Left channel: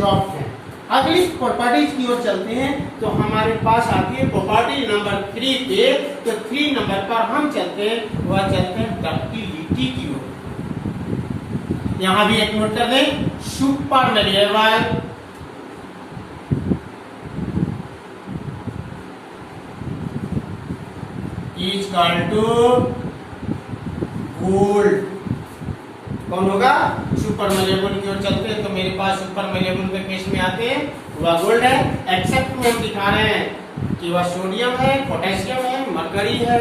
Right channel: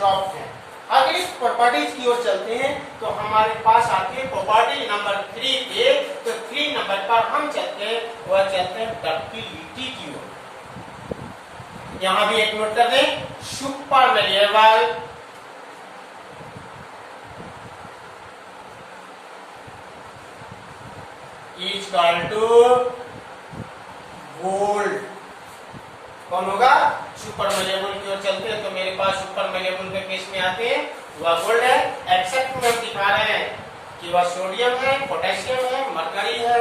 Soft है। अगली properties की ओर चलते हैं तो हमारे पास आती है प्रॉपर्टी नंबर 3 पे। तो 3 नंबर पर हम चलते हैं, वह चलते हैं डक्टिलिटी की ओर। यहां भी एक नोट कर दें, super malleable is equal to gold. कौन होगा? सुपर मेलेबल की ओर चलते हैं तो मेरे पास सुपर मेलेबल के केस में आते हैं वह गोल्ड है। एक्सेप्ट में हम दिखा रहे हैं कि वह सोडियम है, पोटेशियम है, मरकरी है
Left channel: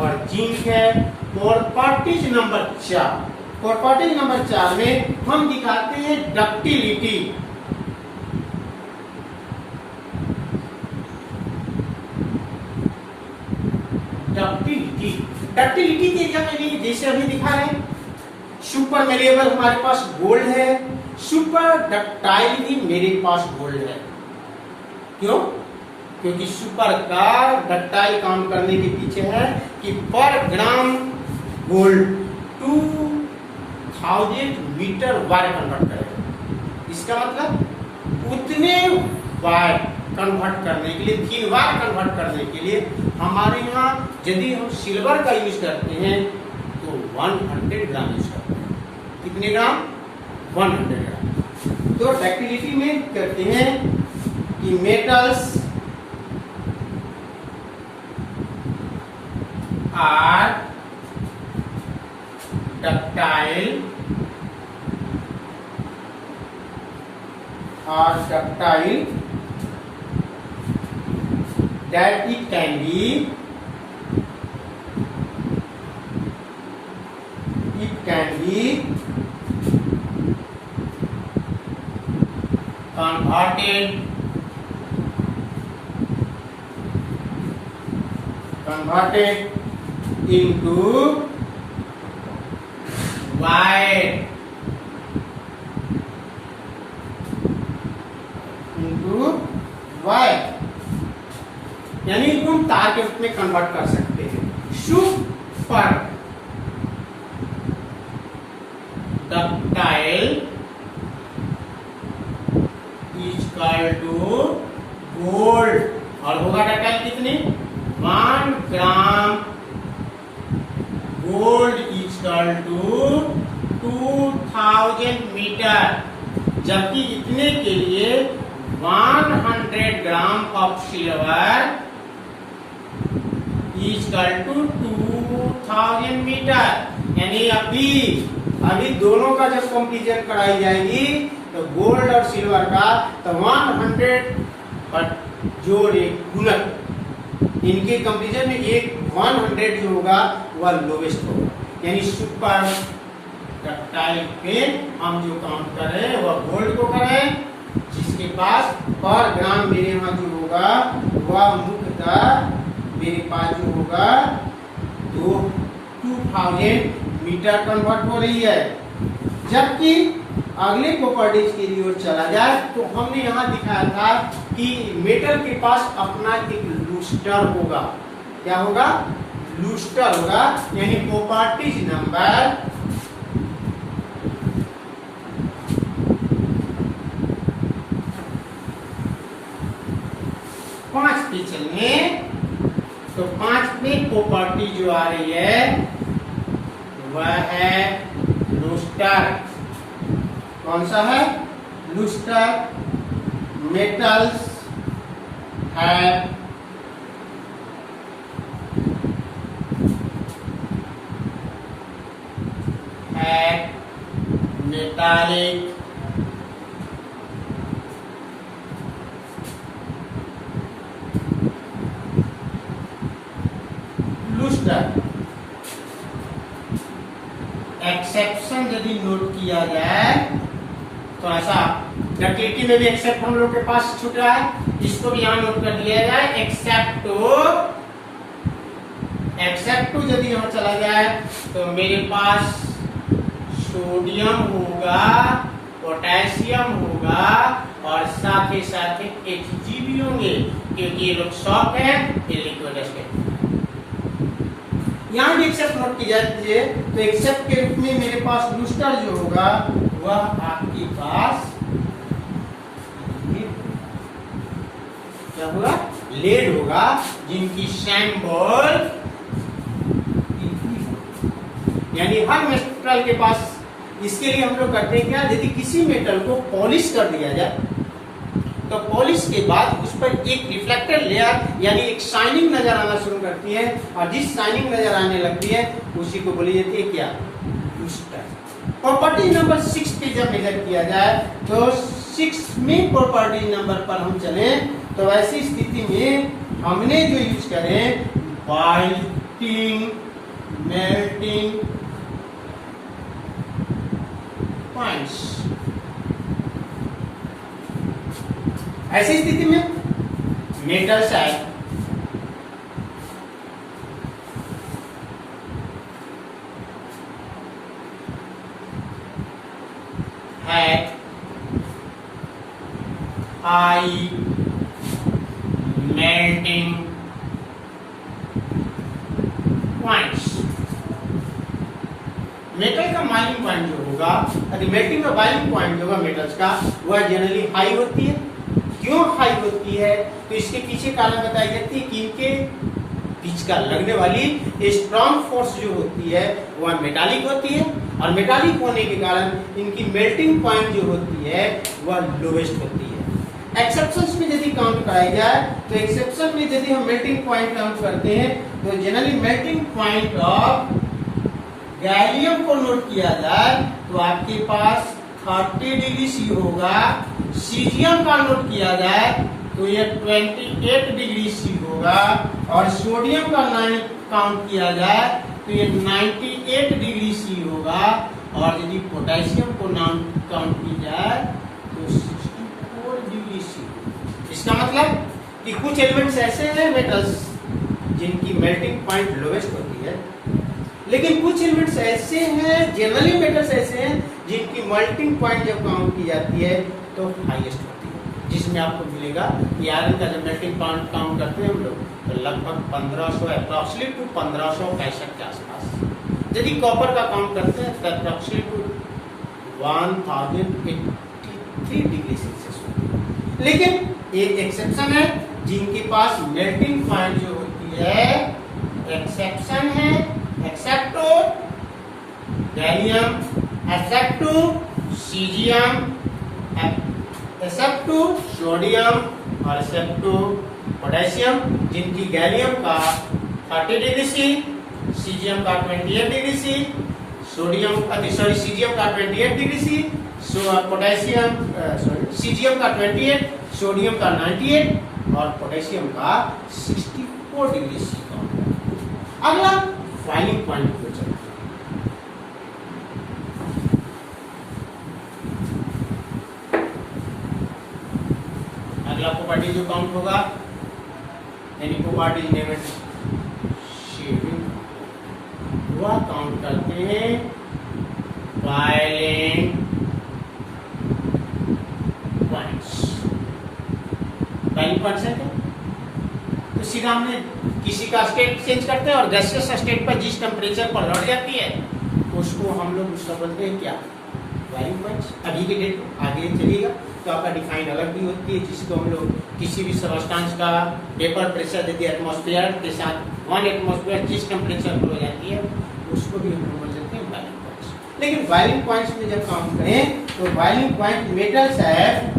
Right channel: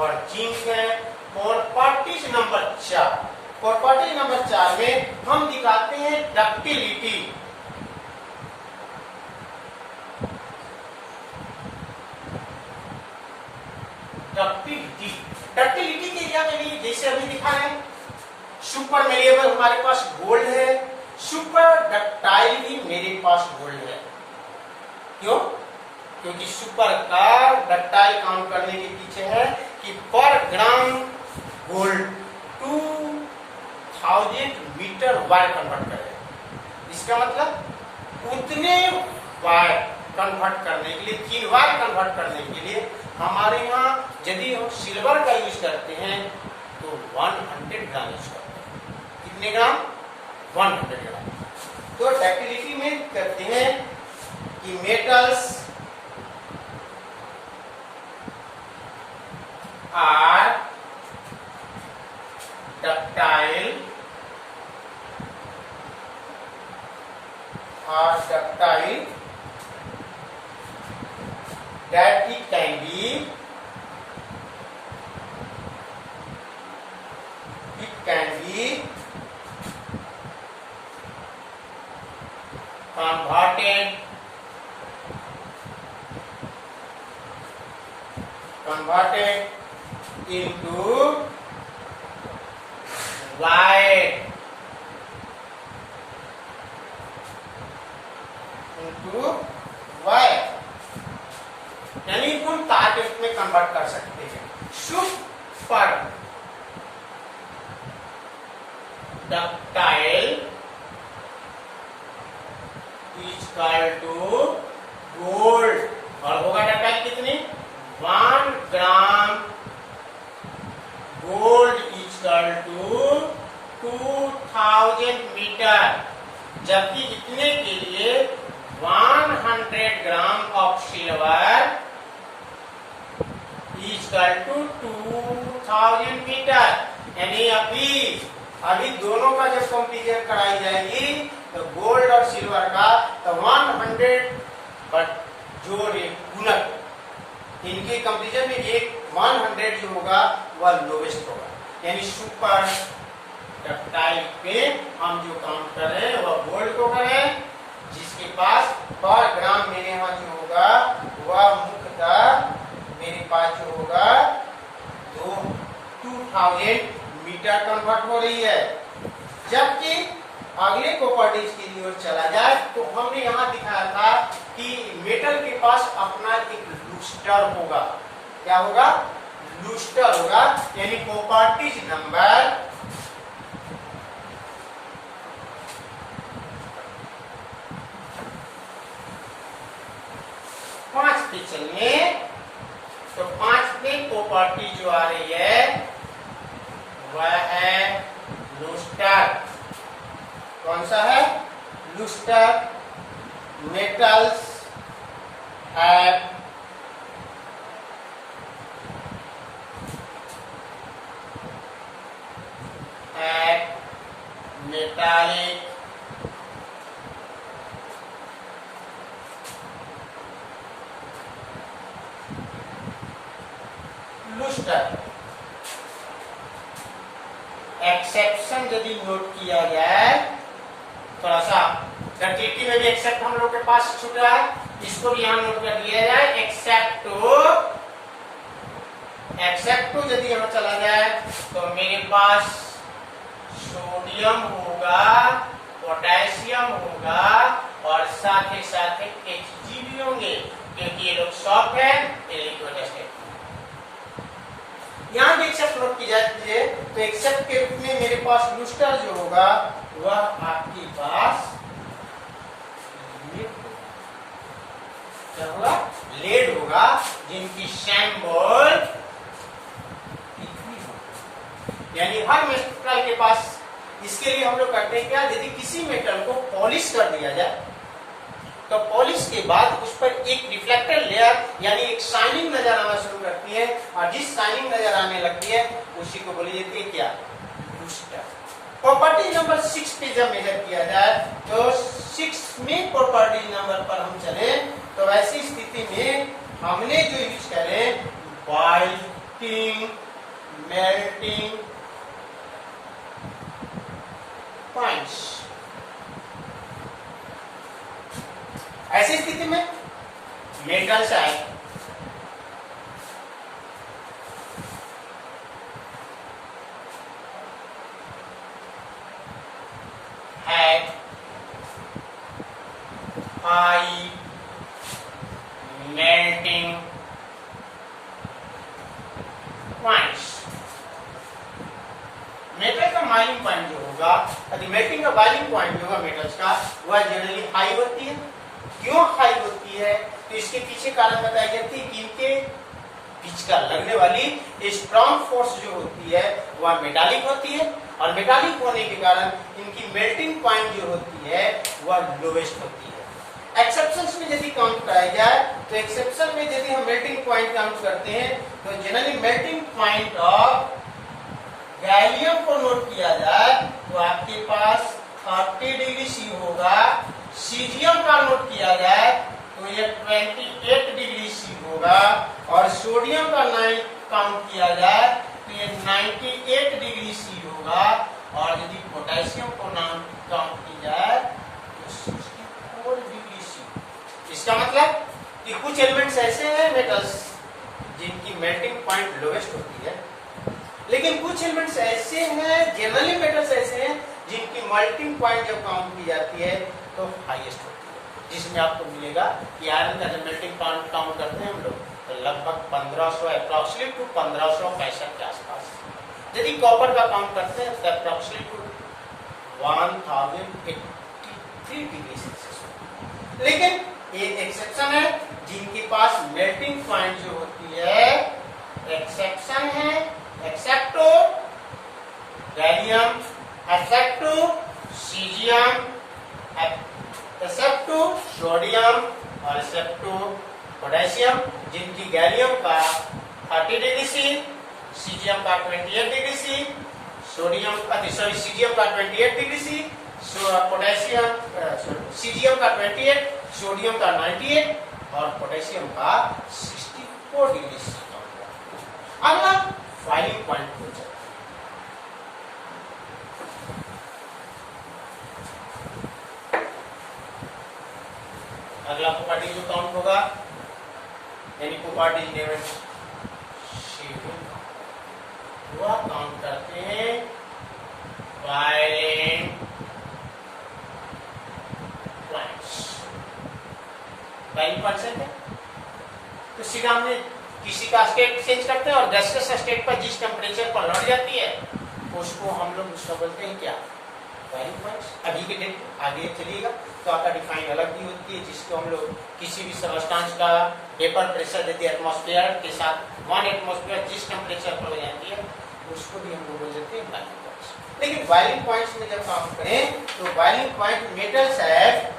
और जिंक है। प्रॉपर्टीज नंबर 4, प्रॉपर्टी नंबर 4 में हम दिखाते हैं डक्टिलिटी। डक्टिलिटी डक्टिलिटी के एरिया में भी जैसे अभी दिखा रहे हैं, सुपर मेलिएबल हमारे पास गोल्ड है, सुपर डक्टाइल भी मेरे पास गोल्ड है। क्यों? क्योंकि सुपर का डक्टाइल काउंट करने के पीछे है कि पर gram gold 2000 metre wire convert करेगा। इसका मतलब उतने वायर कन्वर्ट करने के लिए, 3 वायर कन्वर्ट करने के लिए हमारे यहाँ यदि हम सिल्वर का यूज करते हैं तो 100 ग्राम यूज करते हैं। कितने ग्राम? 100 ग्राम। तो डक्टिलिटी में करते हैं कि metals are ductile that it can be converted into wire, यानी इनको हम तार के रूप में कन्वर्ट कर सकते हैं। Super ductile is equal to gold. और होगा डक्टाइल कितनी? 1 gram gold is equal to 2000 metre, जबकि इतने के लिए 100 gram of silver is equal to 2000 metre. यानी अभी दोनों का जब कंपेरिजन कराई जाएगी तो गोल्ड और सिल्वर का, तो 100 पर जो गुणक इनके कंपेरिजन में एक 100 जो होगा वह लोवेस्ट होगा। यानी सुपर डक्टाइल पे हम जो काउंट कर रहे हैं वह गोल्ड को कर रहे हैं, जिसके पास पर ग्राम मेरे यहाँ जो होगा वह मुख्यतः मेरे पास जो होगा 2000 मीटर कन्वर्ट हो रही है। जबकि अगले प्रॉपर्टीज के लिए चला जाए तो हमने यहाँ दिखाया था कि मेटल के पास अपना एक लूस्टर होगा। क्या होगा? लूस्टर होगा। यानी प्रॉपर्टीज नंबर 5 पे चलेंगे तो 5 में प्रॉपर्टी जो आ रही है वह है लूस्टर। कौन सा है? Lustre. Metals have metallic lustre. Exception यदि नोट किया जाए, थोड़ा सा डक्टिलिटी में भी एक्सेप्ट हम लोग के पास छूटा है, इसको भी यहाँ नोट कर दिया जाए। एक्सेप्ट टू यदि यहाँ चला जाए तो मेरे पास सोडियम होगा, पोटेशियम होगा और साथ ही साथ Hg भी होंगे, क्योंकि ये लोग सॉफ्ट है, ये लिक्विड है। यहाँ भी एक्सेप्ट नोट की जाती है तो एक्सेप्ट के रूप में मेरे पास लूस्टर जो होगा वह आपके पास क्या होगा, लेड होगा, जिनकी सैंपल यानी हर मेटल के पास। इसके लिए हम लोग करते हैं क्या, यदि किसी मेटल को पॉलिश कर दिया जाए तो पॉलिश के बाद उस पर एक रिफ्लेक्टर लेयर यानी एक शाइनिंग नजर आना शुरू करती है, और जिस शाइनिंग नजर आने लगती है उसी को बोली जाती है क्या, लूस्टर। प्रॉपर्टी नंबर 6 पे जब मेजर किया जाए तो 6वें प्रॉपर्टी नंबर पर हम चले तो ऐसी स्थिति में हमने जो यूज करें बाइटिंग मेल्टिंग पॉइंट्स। ऐसी स्थिति में मेटल्स है हाई मेल्टिंग पॉइंट्स। मेटल का मेल्टिंग पॉइंट जो होगा, मेल्टिंग का बॉइलिंग पॉइंट जो होगा मेटल्स का, वह जनरली हाई होती है। क्यों हाई होती है, तो इसके पीछे कारण बताई जाती है कि इनके बीच का लगने वाली स्ट्रॉन्ग फोर्स जो होती है वह मेटालिक होती है, और मेटालिक होने के कारण इनकी मेल्टिंग पॉइंट जो होती है वह लोवेस्ट होती है। एक्सेप्शंस में यदि काउंट कराई जाए तो एक्सेप्शन में यदि हम मेल्टिंग पॉइंट काउंट करते हैं तो generally melting point of gallium को नोट किया जाए तो आपके पास 30 डिग्री सी होगा। सीजियम का नोट किया जाए तो ये 28 डिग्री सी होगा, और सोडियम का काउंट किया जाए तो ये 98 डिग्री सी होगा, और यदि पोटेशियम को काउंट की जाए तो 64 डिग्री सी। इसका मतलब कि कुछ एलिमेंट्स ऐसे हैं मेटल्स जिनकी मेल्टिंग पॉइंट लोवेस्ट होती है, लेकिन कुछ एलिमेंट्स ऐसे हैं, जनरली मेटल्स ऐसे हैं जिनकी मेल्टिंग पॉइंट जब काउंट की जाती है तो हाईएस्ट होती है। जिसमें आपको मिलेगा कि आयरन का जब मेल्टिंग पॉइंट काउंट करते हैं हम लोग तो लगभग 1500 अप्रॉक्सीमेट टू 1565 के आसपास। यदि कॉपर का काउंट करते हैं तो अप्रॉक्सीमेट टू 1083 डिग्री सेल्सियस। लेकिन ये एक्सेप्शन है जिनके पास मेल्टिंग पॉइंट जो होती है, एक्सेप्शन है except gallium, except caesium, except sodium और एक्सेप्ट पोटेशियम, जिनकी गैलियम का 30 डिग्री सी, सीजियम का 28 डिग्री सी, सीजियम का 28 डिग्री सी, पोटेशियम सीजियम का 28, सोडियम का 98 और पोटेशियम का 64 डिग्री सी। अगला फाइलिंग पॉइंट को चलते हैं। अगला प्रॉपर्टी जो काउंट होगा यानी प्रॉपर्टी नेम शेडिंग, वह काउंट करते हैं फाइलिंग पॉइंट्स। फाइलिंग पॉइंट्स है तो सीधा हमने किसी का स्टेट चेंज करते हैं और गैसियस स्टेट पर जिस टेम्परेचर पर लौट जाती है उसको हम लोग उसका बोलते हैं क्या, फाइलिंग पॉइंट्स। अभी के डेट आगे चलिएगा तो आपका डिफाइन अलग भी होती है, जिसको हम लोग किसी भी सबस्टेंस का वेपर प्रेशर यदि एटमॉस्फेयर के साथ 1 एटमॉस्फेयर जिस टेम्परेचर पर हो जाती है उसको भी हम लोग बोल देते हैं फाइलिंग पॉइंट्स। लेकिन फाइलिंग पॉइंट्स में जब काउंट करें तो फाइलिंग पॉइंट मेटल्स है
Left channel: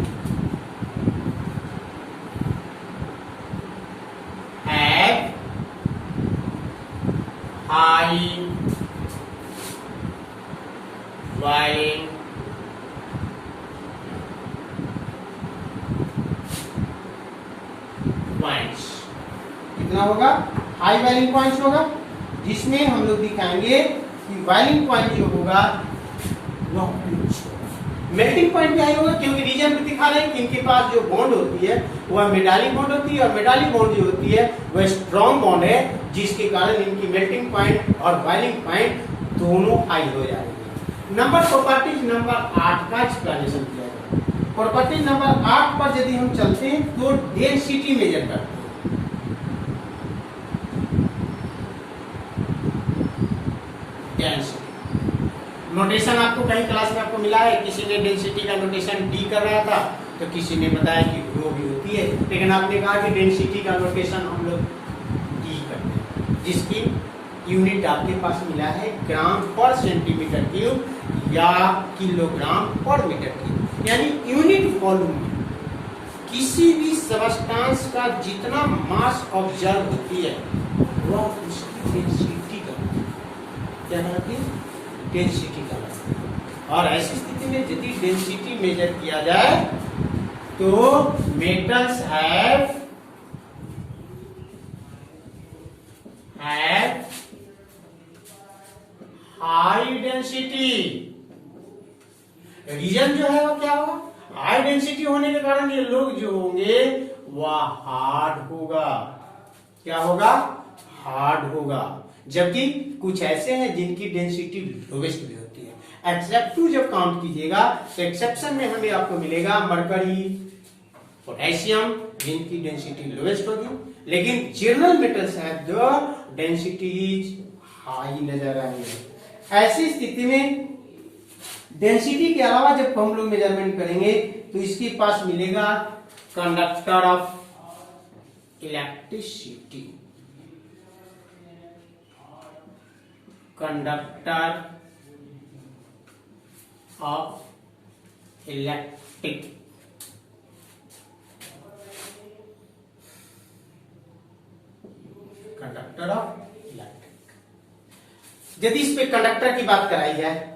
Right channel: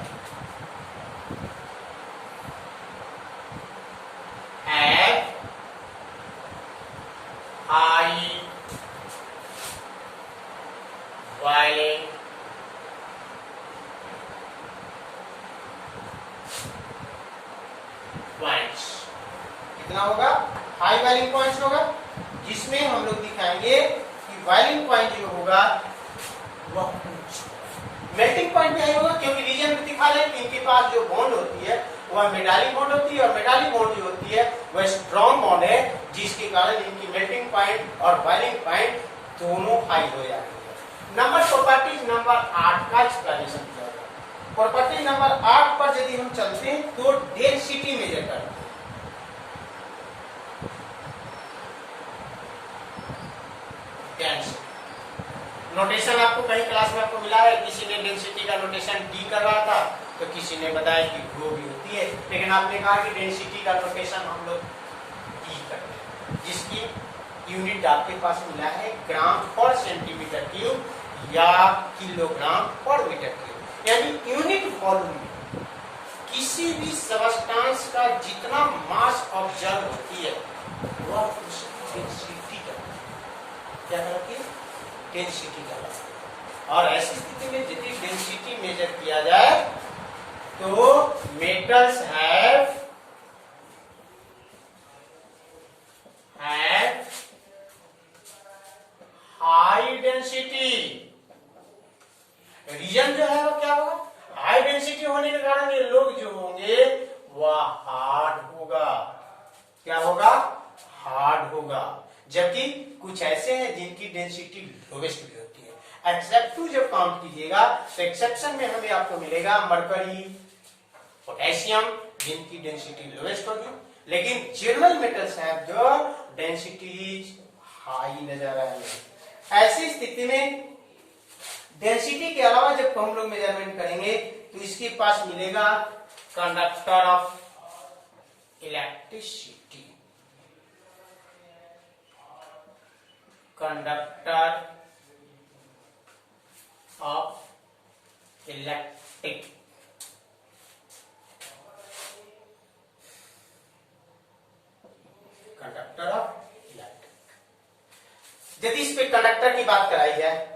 high boiling पॉइंट्स। कितना होगा, हाई बॉइलिंग पॉइंट्स होगा, जिसमें हम लोग दिखाएंगे कि बॉइलिंग पॉइंट जो होगा वह मेल्टिंग पॉइंट भी हाई होगा, क्योंकि रीजन भी दिखा रहे हैं कि इनके पास जो बॉन्ड होती है वह मेटालिक बॉन्ड होती है, और मेटालिक बॉन्ड जो होती है वह स्ट्रॉन्ग बॉन्ड है, जिसके कारण इनकी मेल्टिंग पॉइंट और बॉइलिंग पॉइंट दोनों हाई हो जाएंगे। नंबर प्रॉपर्टी नंबर 8 का एक्सप्लेनेशन किया गया। प्रॉपर्टी नंबर 8 पर यदि हम चलते हैं तो डेंसिटी मेजर करते हैं। डेंसिटी नोटेशन आपको कहीं क्लास में आपको मिला है, किसी ने डेंसिटी का नोटेशन डी कर रहा था तो किसी ने बताया कि वो भी होती है, लेकिन आपने कहा कि डेंसिटी का नोटेशन हम लोग ई करते हैं, जिसकी यूनिट आपके पास मिला है ग्राम पर सेंटीमीटर क्यूब या किलोग्राम पर मीटर क्यूब, यानी यूनिट वॉल्यूम में किसी भी सबस्टांस का जितना मास ऑब्जर्व होती है वह उसकी डेंसिटी कहलाती है। क्या कहलाती है? डेंसिटी कहलाती है। और ऐसी स्थिति में यदि डेंसिटी मेजर किया जाए तो metals have high density. Reason जो है वो क्या होगा? हाई डेंसिटी होने के कारण ये लोग जो होंगे वह हार्ड होगा। क्या होगा? हार्ड होगा। जबकि कुछ ऐसे हैं जिनकी डेंसिटी लोवेस्ट भी होती है। एक्सेप्टिव जब काउंट कीजिएगा तो एक्सेप्शन में हमें आपको मिलेगा मरकरी, पोटेशियम, जिनकी डेंसिटी लोवेस्ट होगी, लेकिन जनरल मेटल्स है जो डेंसिटी हाई नजर आएंगे। ऐसी स्थिति में डेंसिटी के अलावा जब हम लोग मेजरमेंट करेंगे तो इसके पास मिलेगा conductor of electricity, conductor of electric, conductor of electric. यदि इस पे कंडक्टर की बात कराई जाए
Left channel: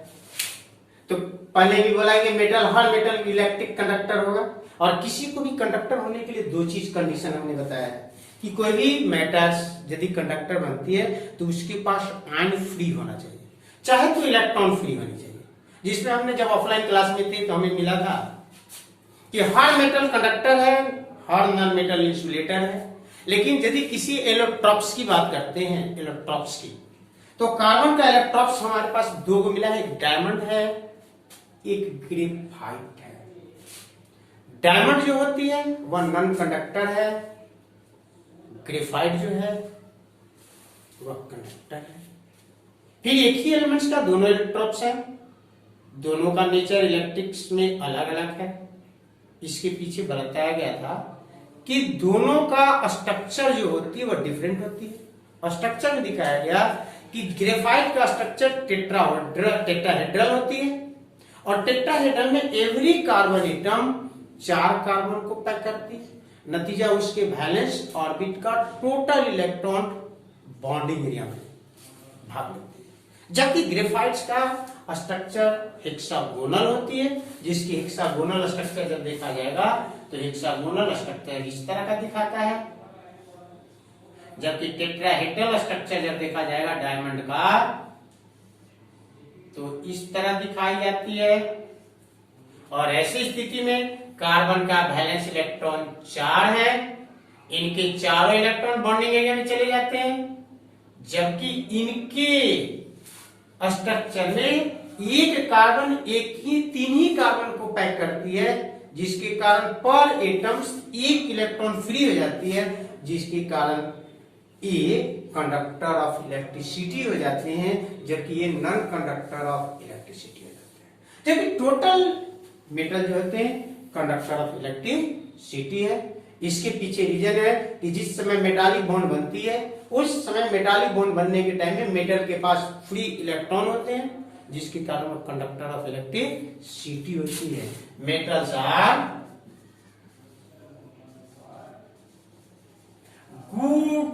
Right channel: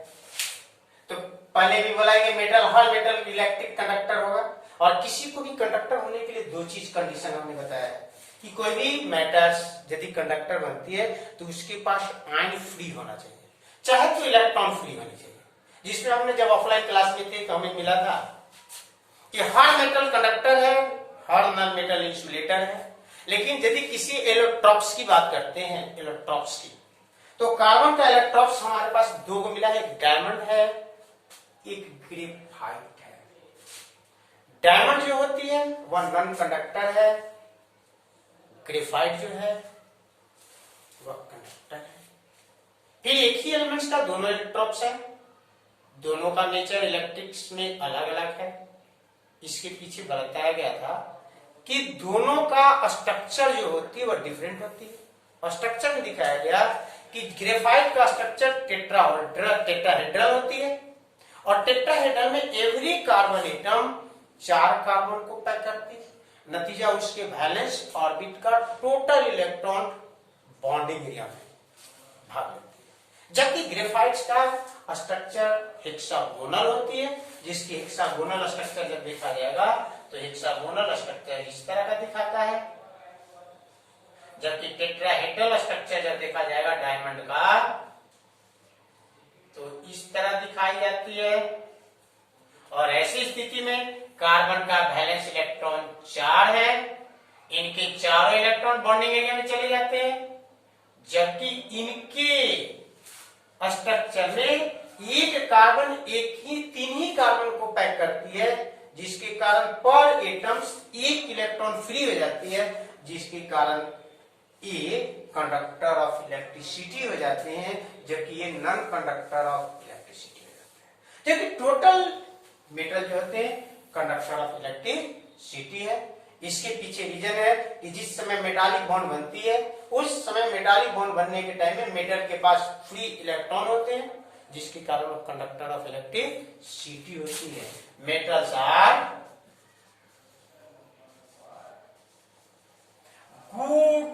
तो पहले भी बोला कि मेटल, हर मेटल इलेक्ट्रिक कंडक्टर होगा। और किसी को भी कंडक्टर होने के लिए दो चीज कंडीशन हमने बताया है कि कोई भी मेटल्स यदि कंडक्टर बनती है तो उसके पास आयन फ्री होना चाहिए, चाहे तो इलेक्ट्रॉन फ्री होनी चाहिए। जिसमें हमने जब ऑफलाइन क्लास में थे तो हमें मिला था कि हर मेटल कंडक्टर है, हर नॉन मेटल इंसुलेटर है। लेकिन यदि किसी एलोट्रॉप्स की बात करते हैं, एलोट्रॉप्स की, तो कार्बन का इलेक्ट्रॉप्स हमारे पास दो को मिला है, एक डायमंड है, एक ग्रेफाइट है। डायमंड जो होती है वह नॉन कंडक्टर है, ग्रेफाइट जो है वह कंडक्टर है। फिर एक ही एलिमेंट्स का दोनों इलेक्ट्रॉप्स है, दोनों का नेचर इलेक्ट्रिक्स में अलग अलग है। इसके पीछे बताया गया था कि दोनों का स्ट्रक्चर जो होती है वह डिफरेंट होती है। स्ट्रक्चर में दिखाया गया कि ग्रेफाइट का स्ट्रक्चर टेट्राहेड्रल होती है और टेट्राहेड्रल में एवरी कार्बन एटम 4 कार्बन को पैक करती है। नतीजा उसके वैलेंस ऑर्बिट का टोटल इलेक्ट्रॉन बॉन्डिंग एरिया में भाग लेती है। जबकि ग्रेफाइट्स का स्ट्रक्चर हेक्सागोनल होती है, जिसकी हेक्सागोनल स्ट्रक्चर जब देखा जाएगा तो हेक्सागोनल स्ट्रक्चर इस तरह का दिखाता है, जबकि टेट्राहेड्रल स्ट्रक्चर जब देखा जाएगा डायमंड का तो इस तरह दिखाई जाती है। और ऐसी स्थिति में कार्बन का वैलेंस इलेक्ट्रॉन 4 है, इनके चारों इलेक्ट्रॉन बॉन्डिंग एरिया में चले जाते हैं, जबकि इनके स्ट्रक्चर में एक कार्बन एक ही 3 ही कार्बन को पैक करती है, जिसके कारण पर एटम्स एक इलेक्ट्रॉन फ्री हो जाती है, जिसके कारण ये कंडक्टर ऑफ इलेक्ट्रिसिटी हो जाते हैं, जबकि ये नॉन कंडक्टर ऑफ इलेक्ट्रिसिटी हो जाते हैं। जबकि टोटल मेटल जो होते हैं कंडक्टर ऑफ इलेक्ट्रिसिटी है। इसके पीछे रीजन है कि जिस समय मेटालिक बॉन्ड बनती है उस समय मेटालिक बॉन्ड बनने के टाइम में मेटल के पास फ्री इलेक्ट्रॉन होते हैं, जिसके कारण वो कंडक्टर ऑफ इलेक्ट्रिसिटी होती है। Metals are good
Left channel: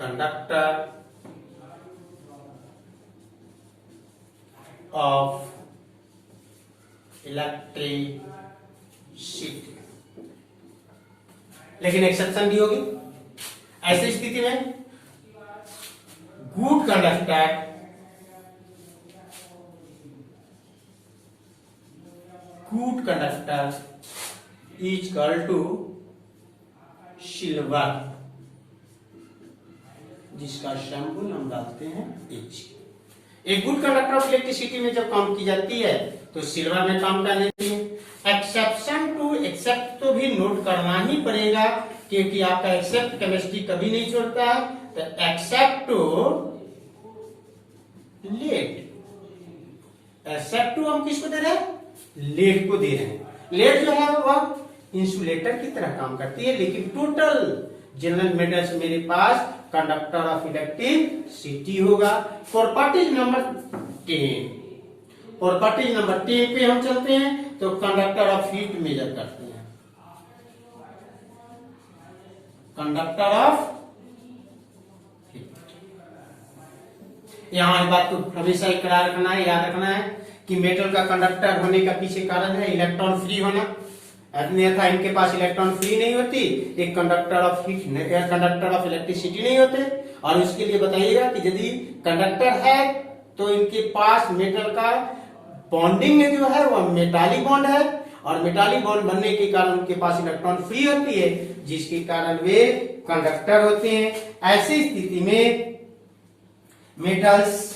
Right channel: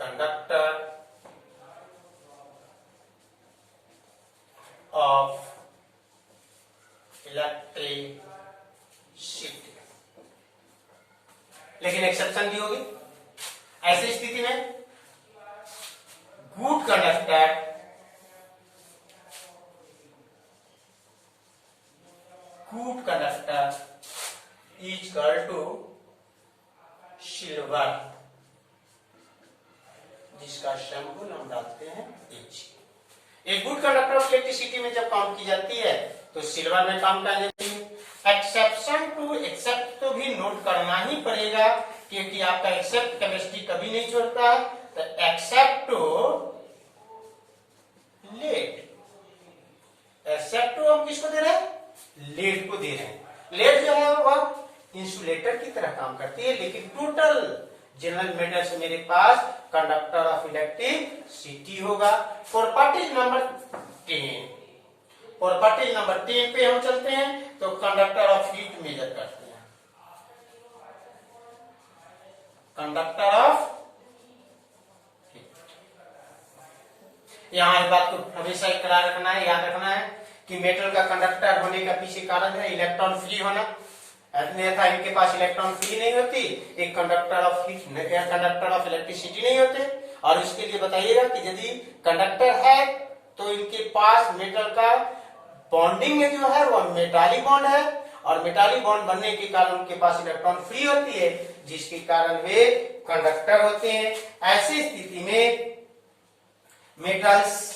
conductor of electricity. लेकिन एक्सेप्शन भी होगी। ऐसी स्थिति में good conductor is equal to silver, जिसका सिंबल हम डालते हैं H। एक गुड कंडक्टर ऑफ इलेक्ट्रिसिटी में जब काम की जाती है तो सिल्वर में काम करने एक्सेप्शन टू एक्सेप्ट तो भी नोट करना ही पड़ेगा, क्योंकि आपका एक्सेप्ट केमिस्ट्री कभी नहीं छोड़ता है। तो एक्सेप्ट टू लेड। Sec2 हम किसको दे रहे हैं? लेड को दे रहे हैं। लेड जो है वह इंसुलेटर की तरह काम करती है, लेकिन टोटल जनरल मेटल्स मेरे पास कंडक्टर ऑफ इलेक्ट्रिसिटी होगा। प्रॉपर्टीज नंबर 10, प्रॉपर्टीज नंबर 10 पे हम चलते हैं, तो कंडक्टर ऑफ हीट मेजर करते हैं। कंडक्टर ऑफ हीट, यहां इस बात को हमेशा इकरार रखना है, याद रखना है कि मेटल का कंडक्टर होने का पीछे कारण है इलेक्ट्रॉन फ्री होना, अन्यथा इनके पास इलेक्ट्रॉन फ्री नहीं होती, एक conductor of heat, conductor of electricity नहीं होते। और इसके लिए बताइएगा कि यदि कंडक्टर है तो इनके पास मेटल का बॉन्डिंग जो है वह मेटालिक बॉन्ड है, और मेटालिक बॉन्ड बनने के कारण उनके पास इलेक्ट्रॉन फ्री होती है, जिसके कारण वे कंडक्टर होते हैं। ऐसी स्थिति में मेटल्स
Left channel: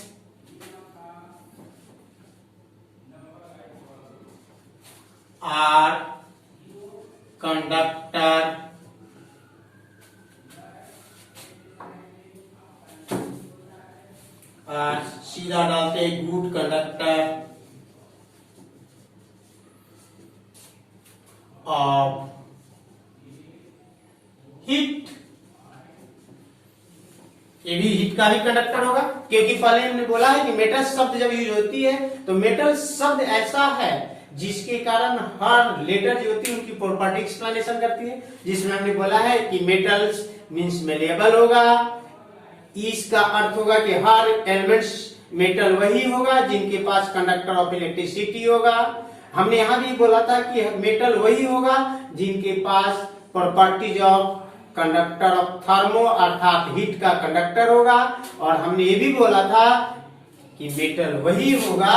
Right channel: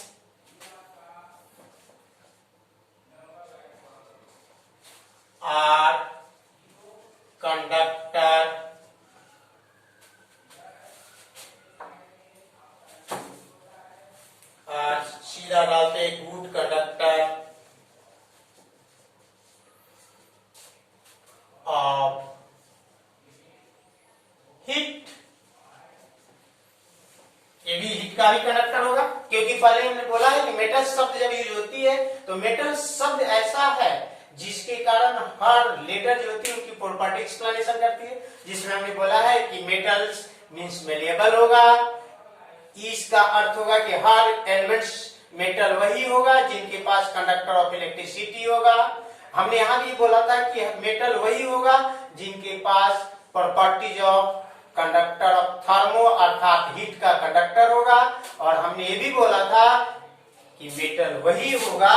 आर कंडक्टर सीधा डालते गुड कंडक्टर ऑफ हीट। ये भी हीट का भी कंडक्टर होगा, क्योंकि पहले हमने बोला है कि मेटल शब्द जब यूज होती है तो मेटल शब्द ऐसा है जिसके कारण हर लेटर जो होती है उनकी प्रॉपर्टी एक्सप्लेनेशन करती है, जिसमें हमने बोला है कि मेटल्स मींस मेलेबल होगा। इसका अर्थ होगा कि हर एलिमेंट्स मेटल वही होगा जिनके पास कंडक्टर ऑफ इलेक्ट्रिसिटी होगा। हमने यहां भी बोला था कि मेटल वही होगा जिनके पास properties of conductor of thermo अर्थात हीट का कंडक्टर होगा। और हमने ये भी बोला था कि मेटल वही होगा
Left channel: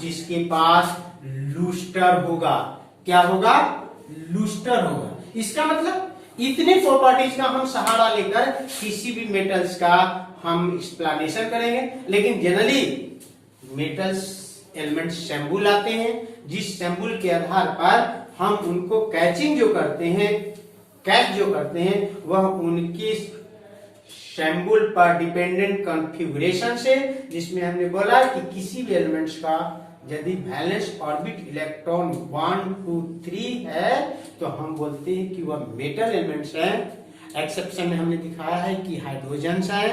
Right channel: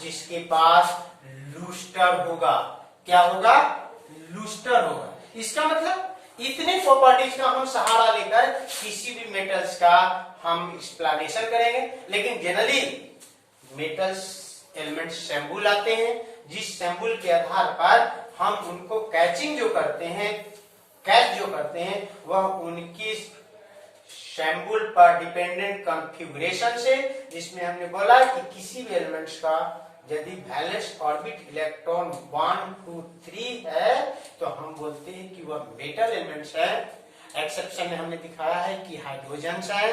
जिसके पास लूस्टर होगा। क्या होगा? लूस्टर होगा। इसका मतलब इतने प्रॉपर्टीज का हम सहारा लेकर किसी भी मेटल्स का हम एक्सप्लेनेशन करेंगे, लेकिन जनरली मेटल्स एलिमेंट्स सैंपल आते हैं, जिस सैंपल के आधार पर हम उनको कैचिंग जो करते हैं, कैच जो करते हैं, वह उनकी सैंपल पर डिपेंडेंट कॉन्फ़िगरेशन से, जिसमें हमने बोला कि किसी भी एलिमेंट्स का यदि वैलेंस ऑर्बिट इलेक्ट्रॉन 1 2 3 है तो हम बोलते हैं कि वह मेटल एलिमेंट्स है। एक्सेप्शन में हमने दिखाया है कि हाइड्रोजन है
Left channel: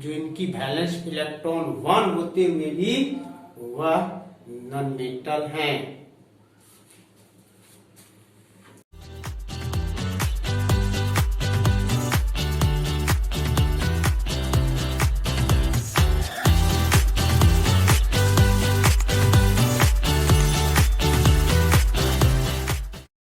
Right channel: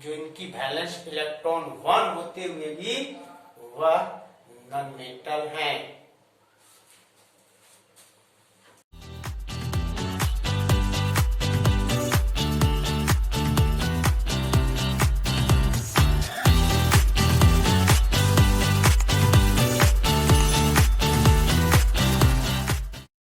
जो इनकी वैलेंस इलेक्ट्रॉन 1 होते हुए भी वह नॉन मेटल हैं।